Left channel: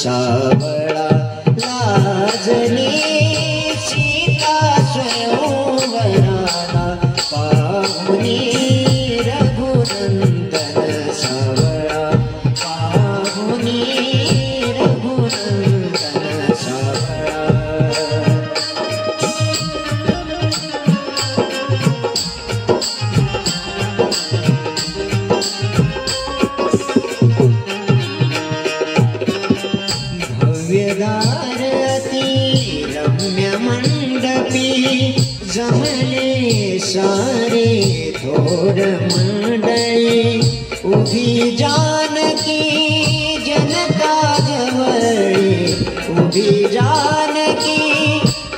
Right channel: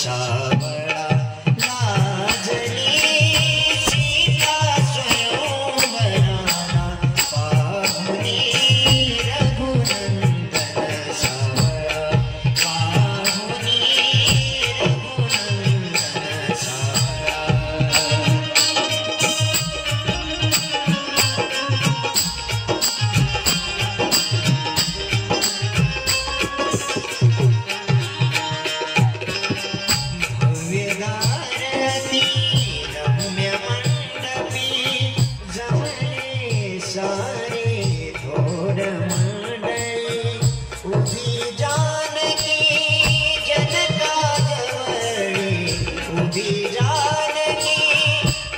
सावळा लाजली सीता स्वयंवराला पाहुनी रघुनंदन सावळा पाहुनी रघुनंदन सावळा भव्यगारती रम्य मंडपी जमले सारे थोर मंडळी उभी जानकी जनका जवळी उभी जानकी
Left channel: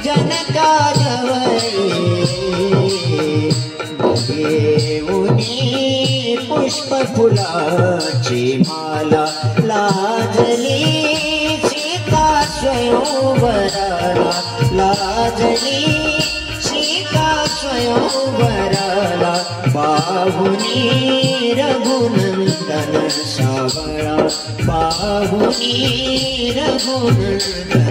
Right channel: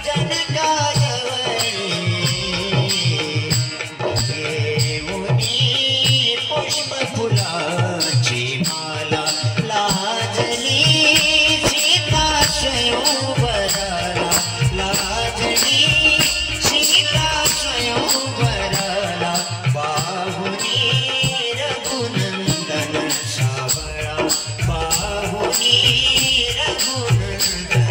जनका जवळी घेऊनी पुष्प फुलाची माला लाजली स्वयंवराला लाजली सीता स्वयंवराला पाहुनी रघुनंदन सावळा पाहुनी रघुनंदन